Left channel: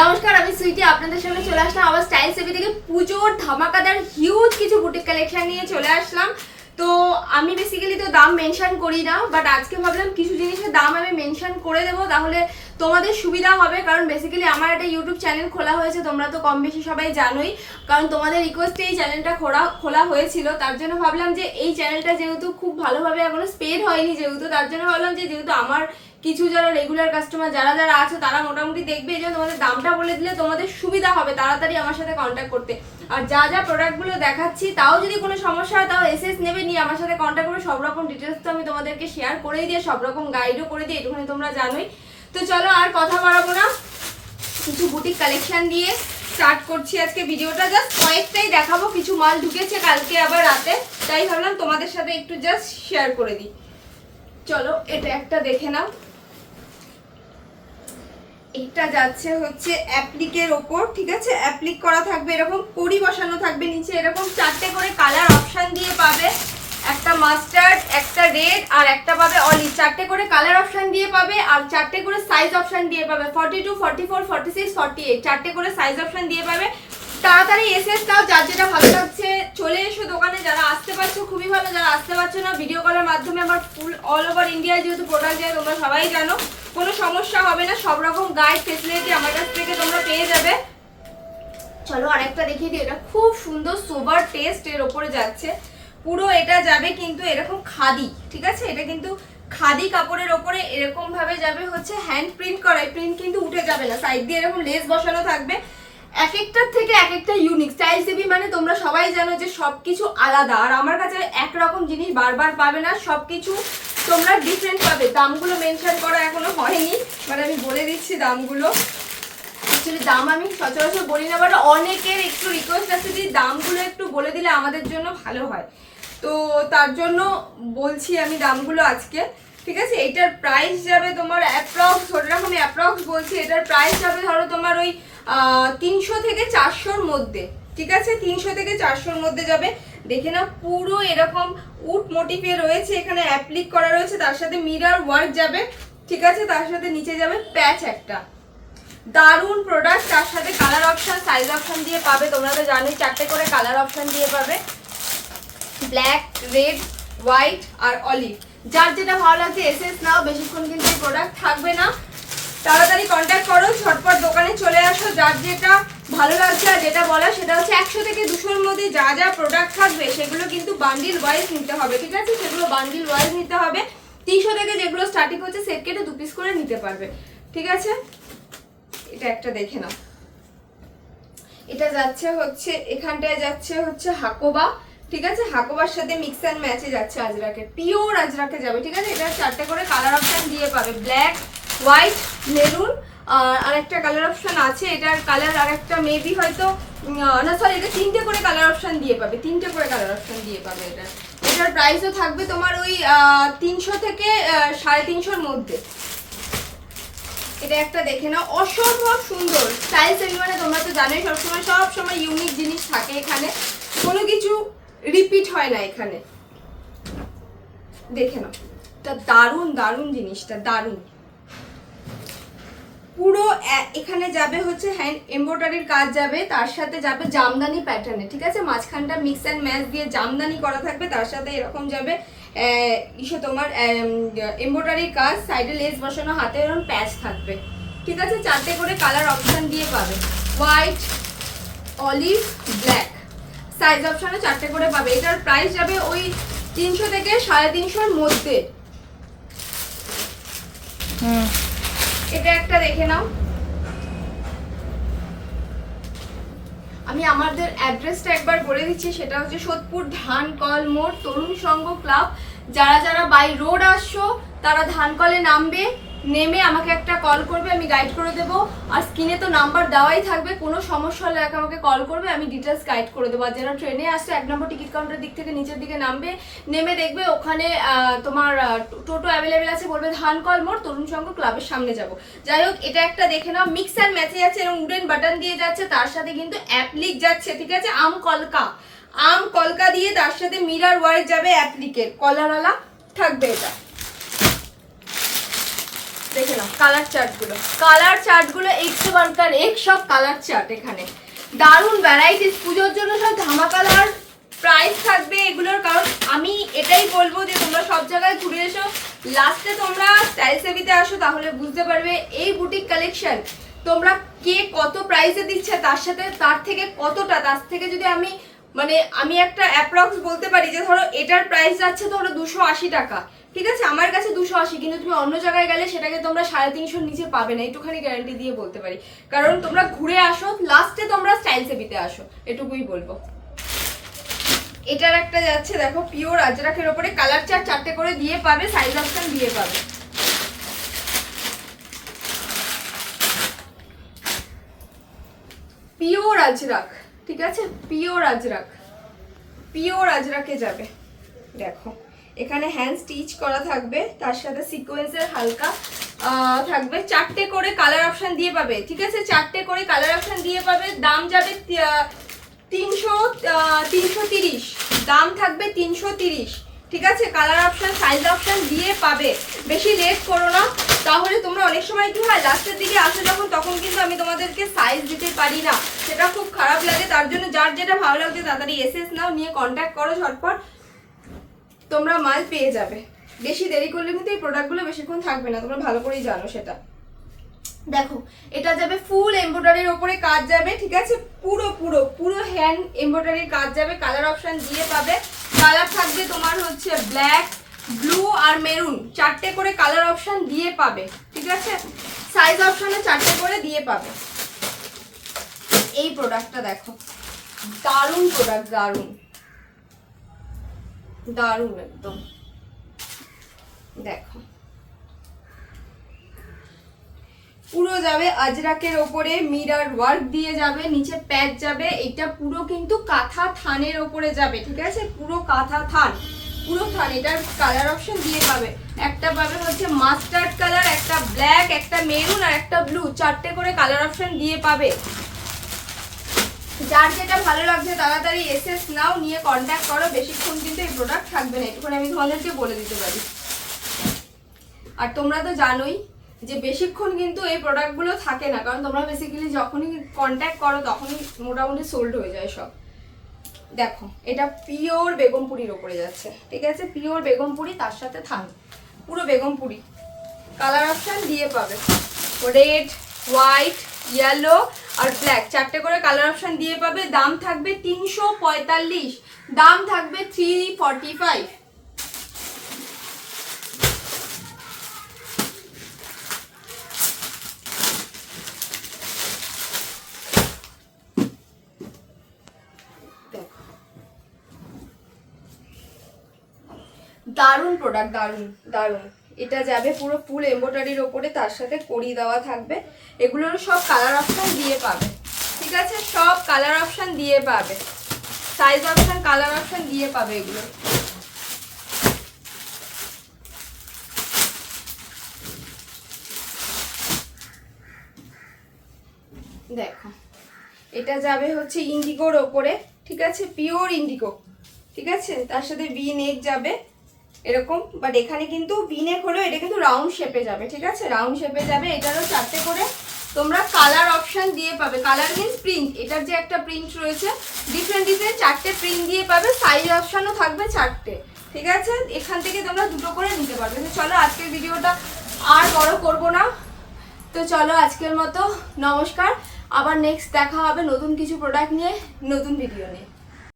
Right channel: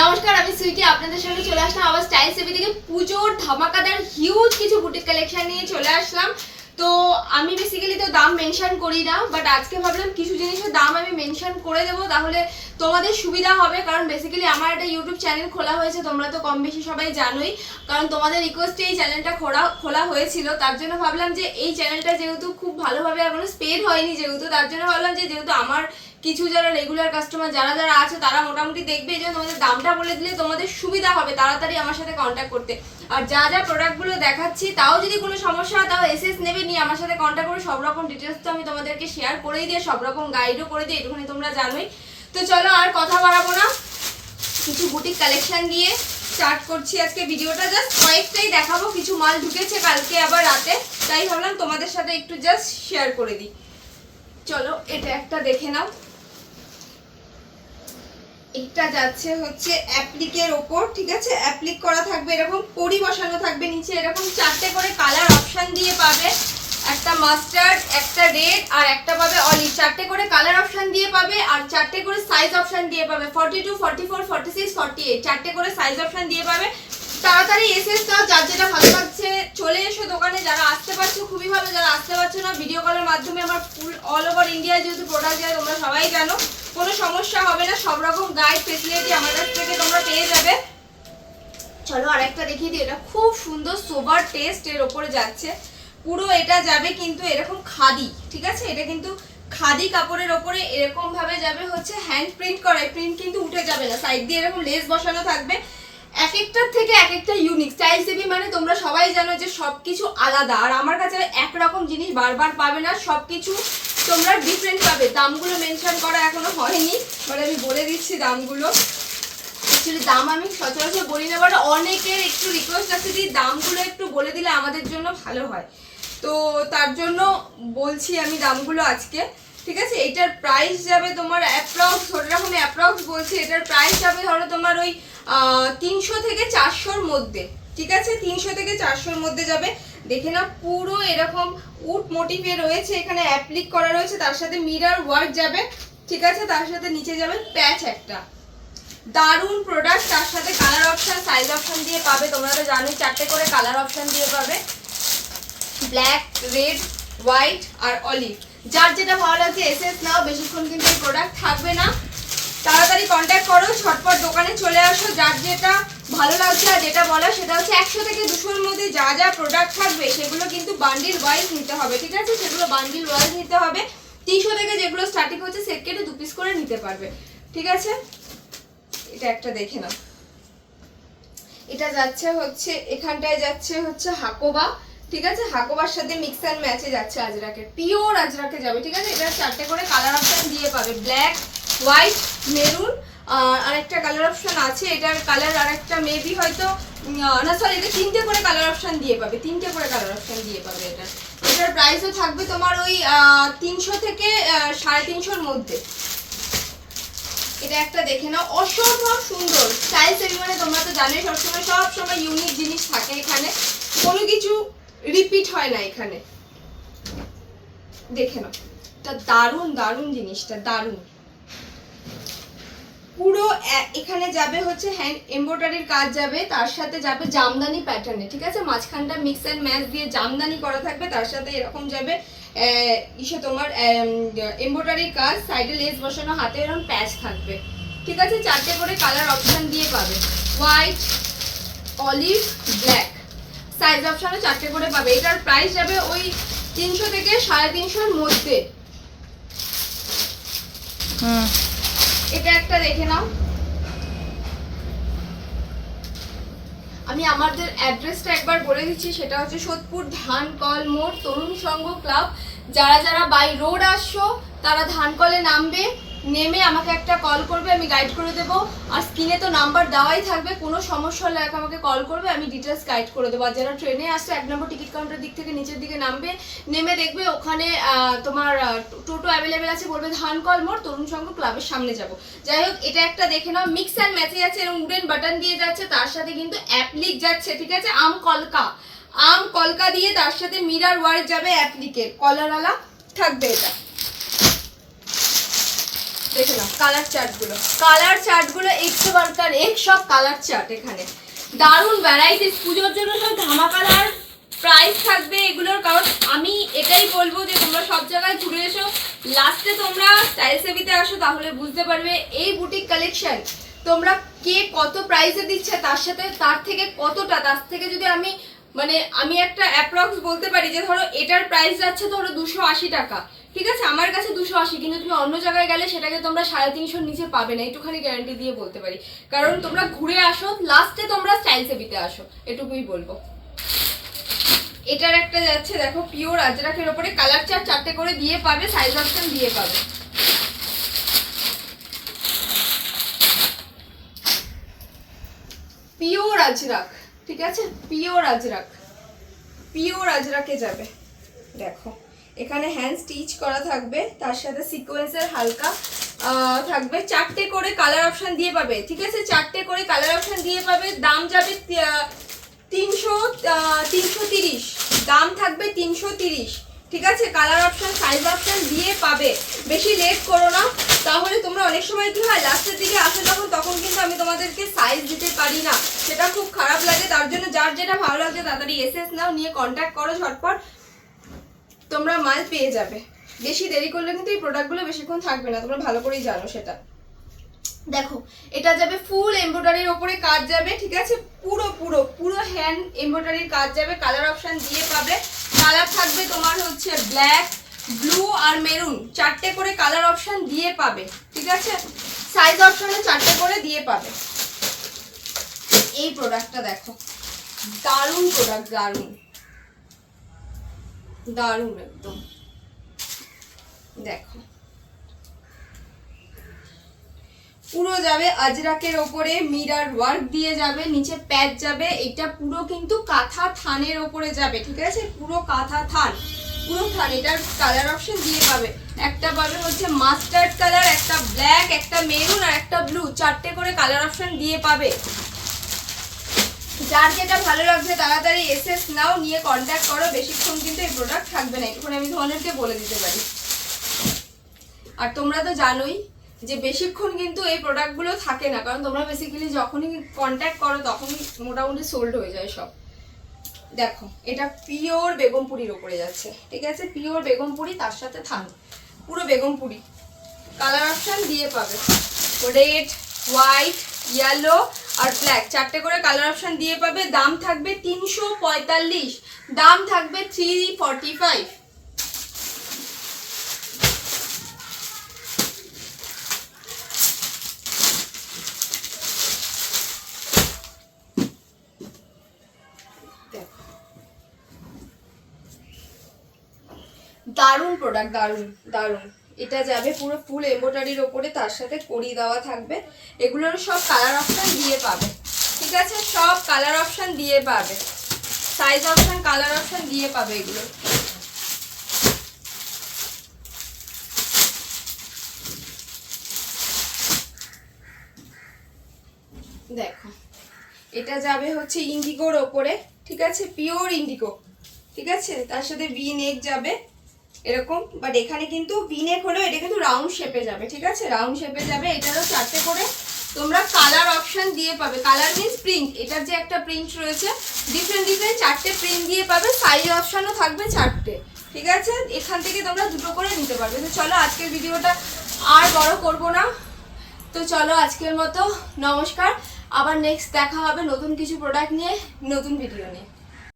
নমস্কার, আমি সুইটি আপনাদের সামনে চলে আসলাম আবার স্টাইল সেভি থেকে পুজোর ধামাকাদার হিউজ কিছু বুটিক কালেকশন নিয়ে চলে আসলাম। তো আমি বেসিক্যালি তো দাম মেনশন করি না, বাট আজকে ভাবলাম কিছু জিনিসের দাম আমি মেনশন করে দেবো, তাহলে তোমাদের সুবিধা হবে। কারণ বেসিক্যালি আমার একটা ইউটিউব চ্যানেল খোলা হয়েছে, তোমরা তো কম বেশি সবাই জানোই, কারণ তোমাদের রিকোয়েস্টে এই চ্যানেলটা খোলা হয়েছিল। তার জন্য ভাবলাম যে এই চ্যানেলটা যেহেতু খুব ভালোভাবে এখনো স্পেড হয়নি, যেহেতু তার জন্য ভাবলাম যে যেহেতু আমার কিছু যারা রেগুলার কাস্টমার যারা যারা আছে তারা মোটামুটি দেখবে, এই জন্য তোমাদের দামটা বলে দিলে তোমাদের সুবিধা হবে তাড়াতাড়ি আমার সাথে কন্ট্যাক্ট করতে। আর যা যা প্রোডাক্টগুলো দেখাচ্ছি তাও যদি কোনো সমস্যা হয় তাও এসএস নেবে, নিয়ে আমার সাথে কন্ট্যাক্ট করে সব রকম ডিটেলস তো আমি তোমাদেরকে শেয়ার করেই দিয়ে সব রকম গাইডও করে দিই, এটুখানি তোমরা জানোই। তো চলো আর কথা বাড়াবো না, কিছু বুটিক কালেকশন দিয়ে স্টার্ট করছি আজকে ভিডিওটা। জাস্ট কয়েকটাই দেখাবো, কিছু মাল ঢুকেছে কালকে আবার রাতে, তাই ভাবলাম তোমাদের সাথে একটু জাস্ট শেয়ার করে দিই। চলো এটা একটা দেখে নাও, এটা যাচ্ছে হচ্ছে অ্যাপ্লিকের ওপর, ঠিক আছে, অ্যাপ্লিক করা থাকবে, এরকম পরি বসানো থাকবে, নিচে এরকম চারটে করে কালার অপশন দিয়ে পাবে, একটা মাস্টার্ড, একটা রেড আর একটা পাবে অলিভ, চারটে করে কালার অপশন দিয়ে পাবে আর চারটে করে সাইজ অপশন দিয়ে পাবে, 42, 44, 46, 48, চারটে করে সাইজ অপশন দিয়ে পাবে। তাড়াতাড়ি এসএস দাও, যার যেটা ভালো লাগছে চলে এসো দোকানে, যারা আসতে পারছো খুবই ভালো, যারা আসতে পারছো না ভিডিও কলের মাধ্যমে আমার ফুল অল ওভার ইন্ডিয়ায় যেহেতু প্রোডাক্ট যায় তোমরা সবাই জানো, কোনো সমস্যা হবে না, সব রকম গাইড ফেসিলিটি আমার কাছ থেকে তোমরা পেয়ে যাবে। চলো আরেকটা দেখিয়ে দিই, এটা খুব সুন্দর সোবার টেস্ট এর ওপরে যাচ্ছে, পুরো এটা যাবে কিন্তু এরকম খাদি, ঠিক আছে, এটা কিন্তু খাদি কাপড়ের ওপরে এরকম ভাবে যাবে হচ্ছে হ্যান্ড প্রিন্ট করা, প্রিন্ট কিন্তু উঠে যাবে না, সাইড দিয়ে এরকম লেস বসানো থাকবে, এক একটার থেকে এক একটা ইউনিক। স্টাইল সেভি মানে তোমরা সবাই জানো যে সবকিছু আলাদা, আর আমার কাছে একরকম জিনিস বারবার পাবে না, সবকিছু তোমরা ডিফারেন্ট পাবে। দামগুলো মেনশন করা এখনো হয়নি, মানে আমি বলে দিচ্ছি দামগুলো। অ্যাকচুয়ালি দাম আমি সচরাচর বলি না, বাট অনেকের একটু রিকোয়েস্ট আছে যে দামগুলো একটু বলে দিলে আমাদের জন্য ভালো হয়, তো তার জন্য বলছি আমি দামগুলো আজকে, ঠিক আছে। এটার প্রাইস যাবে তোমার অ্যাপ্রক্স, ওরকম অ্যাপ্রক্স বলছি, এটার প্রাইস যাবে ধরো তোমার ওই 300 থেকে 400-র মধ্যে, ঠিক আছে, 300 থেকে 400-র মধ্যে যাবে। দেখে না পুরো এরকম উড মোটিভে রয়েছে, এখানে অ্যাপ্লিক করা রয়েছে, তার সাথে মিরর ওয়ার্ক যাবে, ঠিক আছে, তার সাথে নিচে যাবে প্যাচ একটা, দারুন প্রোডাক্ট। তার সাথে কালার অপশন সাইজ অপশন দিয়ে পাবে, তোমরা তো জানোই চারটে করে কালার অপশন দিয়ে পাবে, ব্ল্যাক, রেড, হোয়াইট আর অলিভ, যার যেটা ভালো লাগছে এসএস নাও, বেশিক্ষণ কিন্তু এই প্রোডাক্ট থাকবে না, তাড়াতাড়ি কন্ট্যাক্ট করো, ঝটপট দোকানে চলে আসো, যার যেটা ভালো লাগছে। আর যেটা বলা সেটা হচ্ছে 100 থেকে 200-র মধ্যে যা যা প্রোডাক্ট থাকবে সেগুলো কিন্তু বান্ডিল ওয়াইজ নিতে হবে, ঠিক আছে, সেগুলো বান্ডিল ওয়াইজ নিতে হবে। 300 থেকে যেগুলো স্টার্টিং হচ্ছে সেট কেটে 2 পিস করে নিতে পারবে, ঠিক আছে। এটা একটা দেখে নাও, এটা যাচ্ছে হচ্ছে এখানটায় যাচ্ছে হচ্ছে হাকোবা, ঠিক আছে, হাকোবার সাথে মিক্স অ্যান্ড ম্যাচে যাচ্ছে আজরাকে, পিওর আজরাকে যাবে, ঠিক আছে। এটা চারটে করে কালার অপশন দিয়ে পাবে, ব্ল্যাক, হোয়াইট, মেরুন আর একটা কালার অপশন আছে, এটার কালার আর একটা মেবি হয়তো না, সরি, এটা 3টে করে কালার অপশন দিয়ে পাবে, 3টে করে কালার অপশন দিয়ে পাবে। এটার প্রাইসও থাকবে তোমার ওই 300 থেকে 350-র মধ্যে। এটা একটা দেখে নাও, অসম্ভব সুন্দর। স্টাইল সেভি মানে তোমরা তো জানোই সব সময় ইউনিক জিনিস থাকে এখানে, কোনো কিছু রিপিট হয় না এখানে, দেখে নাও, এটা দারুণ দারুণ জিনিসটা, দারুণ। পুরো এখানে যাবে হচ্ছে হ্যান্ড এমব্রয়ডারির কাজ যাবে, তার সাথে যাবে জামদানি প্যাটার্নে, ঠিক আছে, মাঝখানটা মিক্স অ্যান্ড ম্যাচ দিয়ে জামদানি করা থাকবে, তার সাথে এরকম যাবে ইসে তোমার এমব্রয়ডারির কাজ, সাইডে লেস বসানো, হাতে এরকম প্যাচ থাকবে, ঠিক আছে, চারটে করে কালার অপশন দিয়ে পাবে, হোয়াইট, অলিভ, ব্ল্যাক, সাইজ অপশনে চারটে করে পাবে। এটার প্রাইস যাবে ওই 300 থেকে 350-র মধ্যে। এটা একটা দেখে নাও, আমি আমাদের অ্যাড্রেসটা একবার বলে দিচ্ছি, সেটা হচ্ছে সোদপুর ধানকল মোড়, তরুণ সংঘ ক্লাব। যারা যারা বাই রোড আসছো তারা ধানকলে নামবে, নেমে আমাকে একটা কল করবে, আমি গাইড করে দেবো, আর স্ক্রিনে তো নাম্বার দেওয়াই থাকবে, কোনো সমস্যা হলে আমাকে কল করবে, আমি ডিটেলস গাইড করে দেবো। আর যারা ট্রেনে আসছে 1 নম্বর টিকিট কাউন্টার দিক থেকে নিচের দিকে নামবে, নেমে দেখবে ওখানে তোমার টোটো অ্যাভেলেবেল আছে, বলবে ধানকল মোড় তরুণ সংঘ ক্লাবের সামনে যাব। যাই হোক, এটা একটা দেখে নাও, মিক্স অ্যান্ড ম্যাচে যাচ্ছে, এবং উডেন বাটন দিয়ে যাচ্ছে, তার সাথে কিন্তু অ্যাপ্লিক যাচ্ছে, ঠিক আছে, আম কলকা দিয়ে, তার সাথে মিরর ওয়ার্ক যাবে, অ্যাপ্লিকের কলারওয়ালা থাকবে। এটা দেখে নাও কালার চার্টগুলো একশো বারকার এক সব কালার চার্ট এখানে দারুণ ভ্যারাইটিস। পুজোর জন্য সব ধামাকাদার প্রাইস থাকবে এগুলোর, কারণ আমি এটাই বলবো যে তোমরা সব জায়গায় ঘুরে এসো, লাস্টে তোমরা স্টাইল সেভিতে আসো, তাহলে বুঝতে পারবে এই বুটিক কালেকশন তোমরা কে কত প্রাইসে দিচ্ছে, তার থেকে যদি আমি একটা অ্যাপ্রক্স বলতে পারি যে ধরো এটার প্রাইস যাচ্ছে ধরো 280 টাকা, ঠিক আছে, আমার কাছে 280, কিন্তু তুমি অন্য জায়গায় গেলে সেটাকে তোমরা 350 নিচে পাবে না, একটুখানি গ্যারান্টি দিয়ে বলতে পারি। কারণ তোমরা ঘুরে আসো, লাস্টে তোমরা স্টাইল সেভিতে আসো, এটুকুই বলবো। এটার একটা যাচ্ছে দেখো পিওর আজরাকের ওপরে কালার চার্ট 4টে করে দিয়ে পাবে, সাইজ অপশন দিয়ে পাবে। পিওর আজরাক, ঠিক আছে, পিওর আজরাকে যাবে। দেখো এখানে হ্যান্ড স্টিচ করা থাকবে, তার সাথে সিকোয়েন্সের হালকা থাকবে, 4টে করে কালার অপশন দিয়ে পাবে, ঠিক আছে, 4টে করে কালার অপশন দিয়ে পাবে। দাম যাবে 330, দাম থাকবে 330, ঠিক আছে। কালার অপশন সাইজ অপশন দিয়ে পাবে। বেশি লেট করো না, তাহলে তোমরা অনেক সময় কি হয় লাস্টের দিকে আসে তখন কিন্তু আমি তোমাদেরকে সাইজ দিতে পারি না, সেটা খুব খারাপ লাগে। তার জন্য যার যেটা ভালো লাগছে তাড়াতাড়ি এসএস নাও, নিয়ে কন্ট্যাক্ট করো, ঝটপট তোমরা মাল পেয়ে যাবে। বেশি দেরি করলে কিন্তু এই প্রোডাক্টগুলো বেশিক্ষণ থাকবে না, তোমরা ভালো করেই জানো সেটা। দেখো এটা যাবে ফুল এমব্রয়ডারির ওপরে কাজ যাবে, ঠিক আছে, পুরো হ্যান্ড এমব্রয়ডারির কাজ যাবে। কালার অপশন দিয়ে পাবে, কালার থাকবে তোমার হচ্ছে ব্ল্যাক, ব্লু আর মেরুন, 4টে করে কালার অপশন দিয়ে পাবে, ঠিক আছে। সাইজ অপশনে 4টে করে দিয়ে পাবে। এই প্রোডাক্টটা দেখো, দারুণ প্রোডাক্ট, দারুণ একদম। দেখো পুরো যাবে আজরাকের ওপরে, মিরর ওয়ার্ক দিয়ে যাবে, নিচে প্যাচ যাবে। এটা পুরো কিন্তু কাঁথা থানের ওপরে যাবে, ঠিক আছে, পুরো কাঁথা থান, এটার কালার অপশন দিয়ে পাবে। একটা পাবে হচ্ছে মাস্টার্ড কালার, একটা ব্ল্যাক, একটা মেরুন আর একটা ব্লু, 4টে করে কালার অপশন দিয়ে পাবে। যার যেটা ভালো লাগছে তাড়াতাড়ি এসএস নাও, নিয়ে কন্ট্যাক্ট করো। বেশিক্ষণ কিন্তু এই প্রোডাক্ট থাকবে না, একটুখানি আমি তোমাদেরকে বলে দিতে পারি। আর তোমরা তো জানোই যে বেশিক্ষণ কিন্তু এই প্রোডাক্টগুলো থাকে না, কারণ তোমরা বেসিক্যালি যখনই কন্ট্যাক্ট করো তখনই মোটামুটি সোল্ড হয়ে যায় সব। দেখো এটা পিওর বেগমপুরির ওপরে যাচ্ছে, ঠিক আছে, পিওর বেগমপুরি, তার সাথে থান, পুরো বেগমপুরি। কালার অপশন দিয়ে পাবে রেড, হোয়াইট, ইয়েলো আর ব্ল্যাক, 4টে করে কালার অপশন দিয়ে পাবে। দাম থাকবে 345, দাম থাকবে 345। দারুণ প্রোডাক্ট, দারুণ। এটা যাবে পুরো ফুল এমব্রয়ডারির ওপরে, তার সাথে কড়ি দেওয়া থাকবে। এগুলোর সব কালার অপশন দিয়ে পাবে, ঠিক আছে, সব কালার অপশন দিয়ে পাবে, সাইজ অপশন, কালার অপশন দিয়ে পাবে এগুলো। দেখো এটা যাবে হচ্ছে ইন্ডিগোর ওপরে, ঠিক আছে, পিওর ইন্ডিগো, ঠিক আছে, তার সাথে ভি নেক যাবে এরকম, বাট এখানে কিন্তু ভি নেক হলো, এটা কিন্তু রাউন্ড শেপে যাবে, ঠিক আছে, রাউন্ড শেপে যাবে। এটারও 4টে করে তোমরা কালার অপশন দিয়ে পাবে। কালার মিন্স প্রিন্ট, এটার যে একটা প্রিন্ট রয়েছে ডিফারেন্ট 4টে প্রিন্ট দিয়ে পাবে। সাইজ অপশনও থাকবে 4টে, ঠিক আছে, এখান থেকে তোমরা 2টো করে নিতে পারবে। তো চলো আজকের ভিডিওটা আর বড় করব না, তো চলো আজকের মতো নমস্কার। আবার নেক্সট দেখা হবে নতুন কিছু প্রোডাক্ট নিয়ে, নতুন ভিডিও নিয়ে।